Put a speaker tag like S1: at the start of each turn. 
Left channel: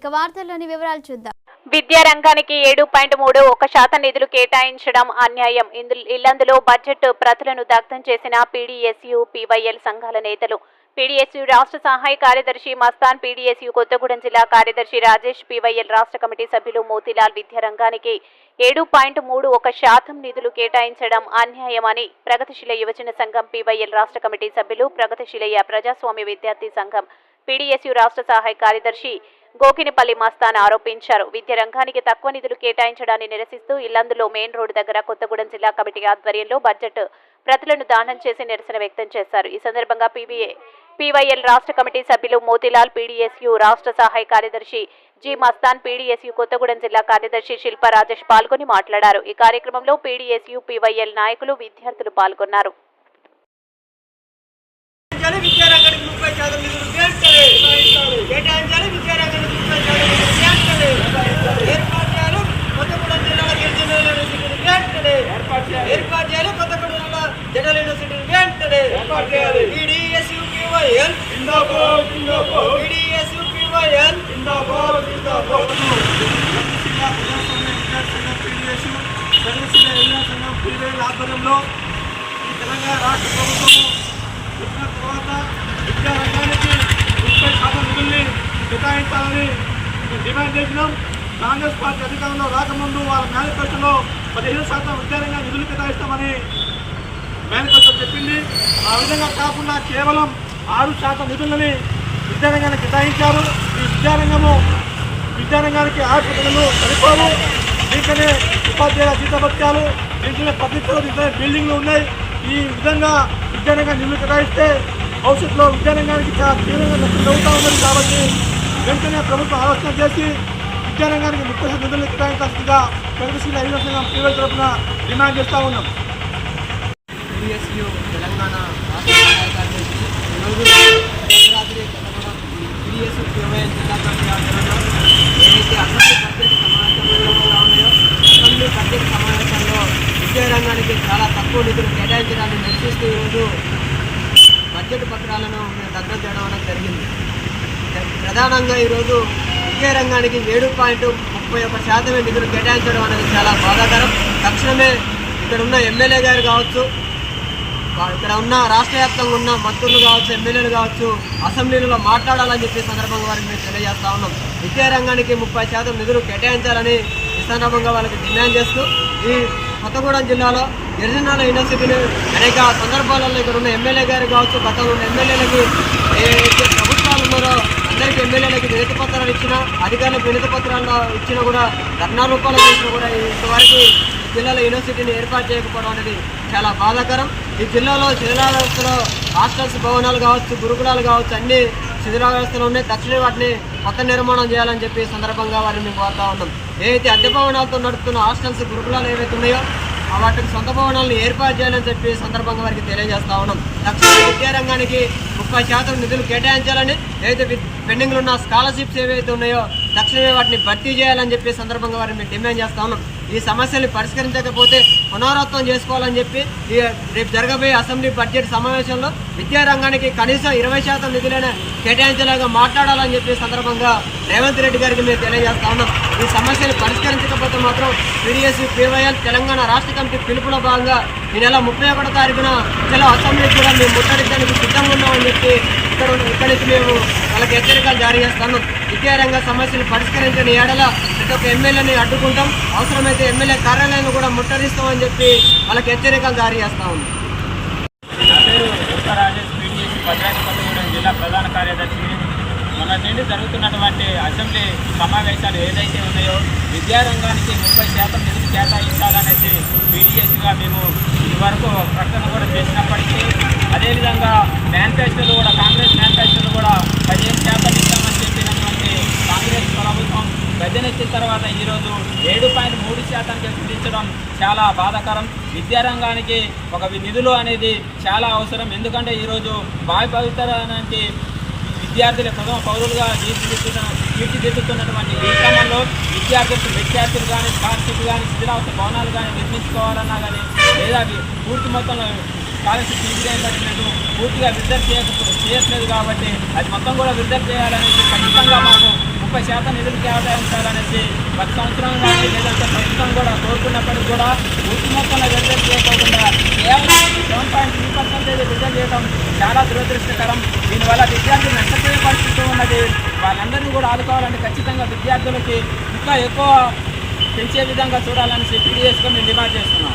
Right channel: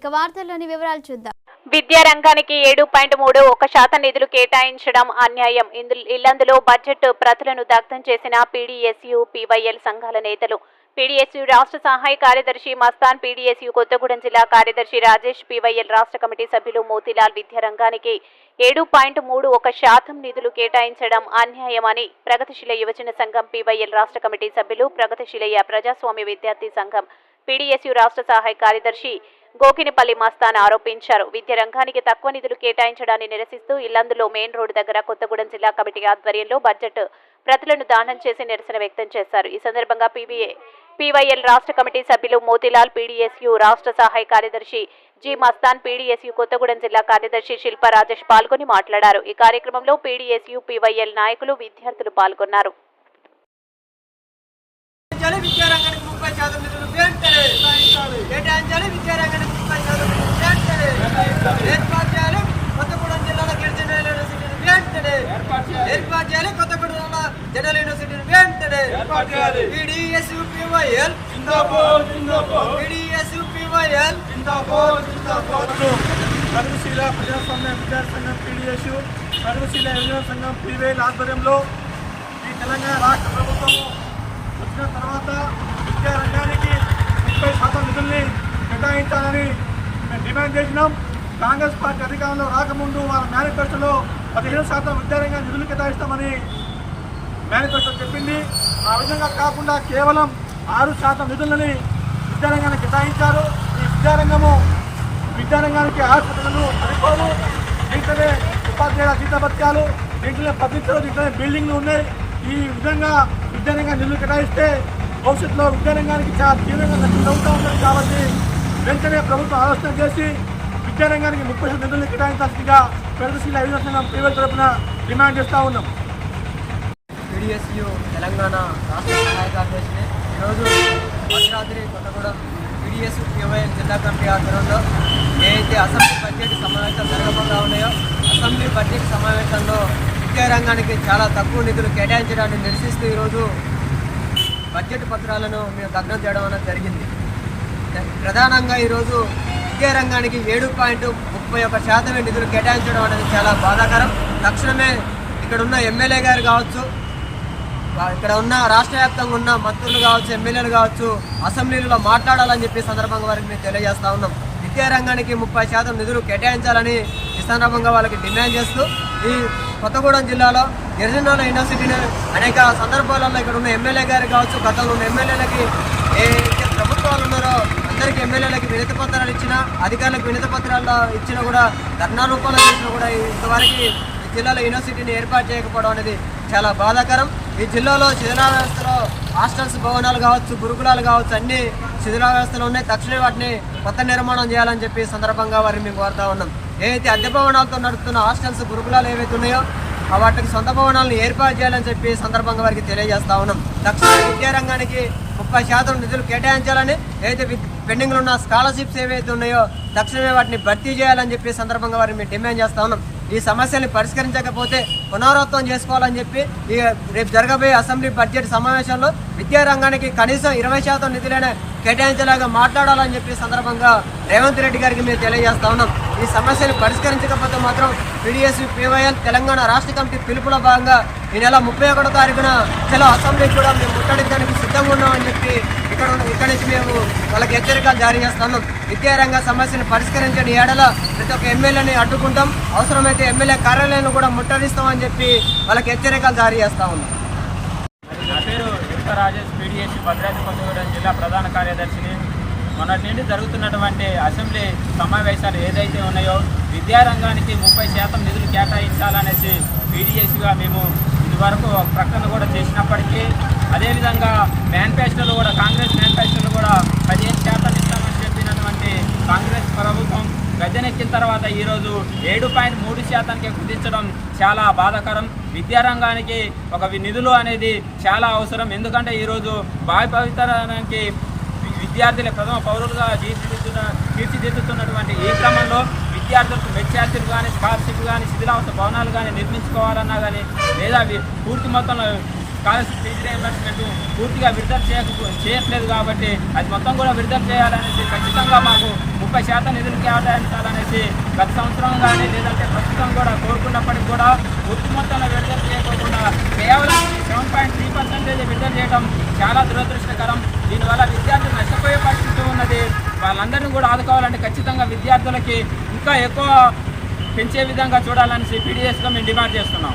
S1: ఇక వార్తల్లోని వివరాలు చూద్దాం.
S2: విద్యా రంగానికి ఏడు పాయింట్ మూడు ఒక శాతం నిధులు కేటాయించడం అన్యాయం. ఇల్లందులో బడ్జెట్ ప్రతులను దగ్ధం చేసిన పీడీఎస్యు పీవైఎల్ సంఘాల నేతలు. పీడీఎస్యు రాష్ట్ర సహాయ కార్యదర్శి మస్తాన్ పీడీఎస్యు కొత్తగూడెం జిల్లా కార్యదర్శి రాజేష్ పీవైఎల్ రాష్ట్ర కమిటీ సభ్యులు మోతీలాల్ విద్యా రంగానికి ఏడు పాయింట్ మూడు ఒక శాతం నిధులు కేటాయించడం అన్యాయమని ప్రగతిశీల యువజన సంఘం పీవైఎల్ రాష్ట్ర కమిటీ సభ్యులు ప్రగతిశీలయ ప్రజాస్వామ్య విద్యార్థి సంఘం పీడీఎస్యు రాష్ట్ర సహాయ కార్యదర్శి గోకినిపల్లి మస్తాన్ ఆరోపించారు. విద్య రంగానికి తక్కువ నిధులు కేటాయించడాన్ని నిరసిస్తూ ఇల్లందులో మెయిన్ రోడ్డు దగ్గర కొత్తగూడెం జిల్లా కమిటీ ఆధ్వర్యంలో బడ్జెట్ ప్రతులను దానం చేసి నిరసన వ్యక్తం చేశారు. ఈ సందర్భంగా పీవీఏ పీవైఎల్ రాష్ట్ర కమిటీ సభ్యులు మోతిలాల్ పీడీఎస్యు రాష్ట్ర సహాయ కార్యదర్శి జి మస్తాన్ పీడీఎస్యు కొత్తగూడెం జిల్లా కార్యదర్శి శిల్ప రాజేష్ పాల్గొని మాట్లాడారు. ఈ కార్యక్రమంలో పీడీఎస్యు పీవైఎల్ నాయకులు విద్యార్థులు పాల్గొన్నారు.
S3: కేటాయించాలి విద్యారంగానికి ముప్పై శాతం నిధులు వెంటనే కేటాయించాలి విద్యారంగానికి ముప్పై శాతం నిధులు వెంటనే ఏర్పాటు చేయాలి కొత్తగూడెం జిల్లాలో గిరిజన యూనివర్సిటీని వెంటనే ఏర్పాటు చేయాలి కొత్తగూడెం జిల్లా జనరల్ యూనివర్సిటీని వెంటనే ఏర్పాటు చేయాలి ఈడిఎస్ యూపీవైఎల్ ఈడిఎస్ యూపీవైఎల్
S4: సర్వశీల ప్రజాస్వామ్య విద్యార్థి సంఘం పీడిఎస్ సర్వశీల యువజన సంఘం పీవేల్ ఆధ్వర్యంలో ఈ తెలంగాణ రాష్ట్ర ప్రభుత్వము వచ్చిన తర్వాత విద్యా రంగానికి ముప్పై శాతం నిధుల్ని కేటాయించాలని మేము డిమాండ్ చేసినాం. కాంగ్రెస్ పార్టీ అధికారంలో రాకముందు వాళ్ళ మేనిఫెస్టోలో పదిహేను శాతం విద్యారంగా నిధులు కేటాయిస్తామని మేనిఫెస్టో చెప్పింది. ఆ విధంగా కాకుండా కేవలం ఆరు శాతం నిధులని విద్యారంగానికి కేటాయించారు. ఈ విద్యారంగము విద్యారంగానికి ఆసుపత్రులు సరిపోవు. దీంట్లోనే ఉపాధ్యాయుల జీతభత్యాలు దీంట్లోనే పద్ధతులు దీంట్లోనే బిల్డింగ్లు ఉన్నాయి. ఈ విధంగా విద్యారంగా నిధులు కేటాయిస్తే భవిష్యత్తులో విద్యారంగానికి చాలా తీవ్రంగా నష్టం జరుగుతూ ఉన్నది కాబట్టి వెంటనే ప్రభుత్వం ఆలోచన చేసి విద్యారంగానికి ముప్పై శాతం నిధులను కేటాయించాల్సిందిగా ప్రగతిశీల అభివృద్ధి సంఘం ప్రైవేట్ తరఫున డిమాండ్ చేస్తూ ఉన్నాం.
S3: తెలంగాణ రాష్ట్ర సహాయ కార్యదర్శి ఈరోజు భద్రాద్రి కొత్తగూడెం టీడీఎస్ కేవైఎల్ జిల్లా కమిటీ ఆధ్వర్యంలో ఏదైతే అసెంబ్లీ బడ్జెట్ సమావేశాలు జరగబోతా ఉన్నాయో అసెంబ్లీ బడ్జెట్ సమావేశంలో విద్యారంగానికి చాలా తక్కువ నిధులు కేటాయించడాన్ని నిరసిస్తూ ఈరోజు బడ్జెట్ పత్రాలను మేము దగ్ధం చేయడం అనేది జరిగింది. ప్రధానంగా ఈరోజు విద్యారంగానికి ఏడు పాయింట్ ముప్పై ఒక శాతమే నిధులు కేటాయించడం అనేది చాలా బాధాకరం. తక్షణమే ఇక్కడ ఉన్న ఎమ్మెల్యే గారు కావచ్చు ఇక్కడ ఉన్న రాష్ట్ర వ్యాప్తంగా ఉన్న మంత్రులు కావచ్చు ఎమ్మెల్యేలు కావచ్చు అసెంబ్లీలో మాట్లాడాలని చెప్పి సందర్భంగా వారికి మేము తెలియజేస్తా ఉన్నాం. విద్యారంగానికి ముప్పై శాతం నిధులు కేటాయించాలని ఈ సందర్భంగా వాళ్ళకి డిమాండ్ చేస్తూ ఈ కొత్తగూడెం జిల్లాలో గిరిజనాల యూనివర్సిటీని అనేక సందర్భాలలో ఇక్కడ ఉన్న ఎమ్మెల్యే గారు కావచ్చు గతంలో ఉన్న ఎమ్మెల్యేలకి ఏ ప్రభుత్వాలు ఉన్నారో అందరికీ ఎమ్మెల్యేలకి వినతి పత్రాలు ఇచ్చినా అధికారులకు వినతి పత్రాలు ఇచ్చినా కూడా ధర్నా రూపంలో చేసినా కూడా ఇంతవరకు జిల్లాలో యూనివర్సిటీని ఏర్పాటు చేయకపోవడం అనేది చాలా బాధాకరం. ఈ జిల్లాలో శిథిలా వ్యవస్థలో హాస్టల్స్ భవనాలు కావచ్చు గురుకులాలు కావచ్చు అన్ని శిథిలా వ్యవస్థలు ఉన్నాయి. తక్షణమే వాటిని కొత్త నిర్మాణం చేయాలని చెప్పి సందర్భంగా వారిని మేము కోరుతా ఉన్నాం. ఏదైతే అద్దె భవనాలతో నడుపుతున్న హాస్టల్స్ గురుకులాలు ఏవైతే ఉన్నాయో వాటికి సొంత భవనాలను ఏర్పాటు చేయాలని చెప్పి సందర్భంగా వారికి తెలియజేస్తా ఉన్నాం. తక్షణమే విద్యారంగానికి ముప్పై శాతం నిధులు కేటాయించాలని ఏదైతే పెండింగ్లు పెండింగ్లో ఉన్న స్కాలర్షిప్స్ ఏవైతే ఉన్నాయో తక్షణమే వాటిని భర్తీ చేయాలని చెప్పి సందర్భంగా వారిని మేము డిమాండ్ చేస్తా ఉన్నాం. ఈ సమస్యలు పరిష్కరించకపోతే పునరావృతం చేసుకోవాలని చెప్పి ఈ రేపు జరగబోయే అసెంబ్లీ బడ్జెట్ సమావేశంలో విద్యారంగానికి కనీసం ఇరవై శాతం నిధులైనా కేటాయించేలాగా మాట్లాడాలని చెప్పి సందర్భంగా రేవంత్ రెడ్డి గారికి మేము తెలియజేస్తా ఉన్నాం. ఈ సమస్యలు పరిష్కరించకపోతే మాత్రం పీడిఎస్ పీవైఎల్ తెలంగాణ రాష్ట్ర కమిటీ పిలుపులో భాగంగా ఈ నెల ముప్పై ఒకటో తారీఖున చలో అసెంబ్లీకి కూడా మేము ముట్టడించడానికి సిద్ధంగా ఉన్నామని చెప్పి ఇక్కడ ఉన్న- ఇక్కడి నుంచి మేము వాళ్ళకి హెచ్చరికలు జారీ చేస్తున్నాం. విద్యారంగ సమస్యలు పరిష్కరించని ఏడల ప్రతి ఒక్క ఎమ్మెల్యేని అడ్డుకుంటాం. అవసరమైతే ఎమ్మెల్యే కార్యాలయాన్ని కూడా ముట్టడిస్తామని చెప్పి వాళ్ళకి హెచ్చరికలు జారీ చేస్తా ఉన్నాం.
S5: నా పేరు యుక్త రాజేష్ పీడిఎస్ భద్రాద్రి కొత్తగూడెం జిల్లా ప్రధాన కార్యదర్శి. మొన్నటి నుండి జరుగుతున్నటువంటి అసెంబ్లీ సమావేశాలు ఏదైతే ఉన్నాయో విద్యారంగానికి ముప్పై శాతం నిధులు కేటాయించాలనేసి పీడిఎస్గా మేము ఇదివరకు ప్రకటన కూడా చేసినప్పటికీ అదేవిధంగా మేనిఫెస్టోలు కూడా కాంగ్రెస్ మేనిఫెస్టోలు కూడా పదిహేను శాతం ఇస్తామని చెప్పినటువంటి కాంగ్రెస్ ప్రభుత్వం గద్దెనెక్కిన తర్వాత ఈరోజు ఏడు పాయింట్ మూడు శాతానికి కుదించడం చాలా బాధాకరం. విద్యారంగానికి ఒక నిధులు అనేది చాలా అవసరం. ఎందుకంటే ఈరోజు భావి పవిత్రానికి విద్యార్థుల ప్రథమ పౌరులుగా తీర్చిదిద్దుతున్న తీర్చిదిద్దుతున్నటువంటి ఈ క్రమంలో విద్యార్థులకు విద్యార్థులు కానీ స్కాలర్షిప్ కానీ శిథిలావస్థ భవనాలు కానీ నిర్మించుకోవాలన్నా కానీ లేదా పూర్తి మొత్తంలో స్కాలర్షిప్ ఫీజు పూర్తిగా విడుదల చేయకపో చేయట్లేదు కాబట్టి అది మొత్తం కూడా విడుదల చేయాలనేసి ఖచ్చితంగా మాకు ముప్పై శాతం నిధులు కేటాయించాలనేసి గత సంవత్సరం కానీ లేదంటే ప్రస్తుతం కూడా కోరుకున్నప్పటికీ కూడా పూర్తి మొత్తంలో విడుదల చేయకోకుండా కేవలం సెవెన్ పాయింట్ త్రీ పర్సెంటేజ్ విడుదల చేయడం చాలా దురదృష్టకరం. దీనివల్ల విద్యార్థులు నష్టపోయే పరిస్థితి ఉన్నది. వాళ్ళందరినీ కూడా ఆదుకోవాలంటే ఖచ్చితంగా విద్యార్థులకి ఇంకా ఎక్కువ పెంచే విధంగా చూడాలని పీడిఎస్గా మేము డిమాండ్ చేస్తున్నాం.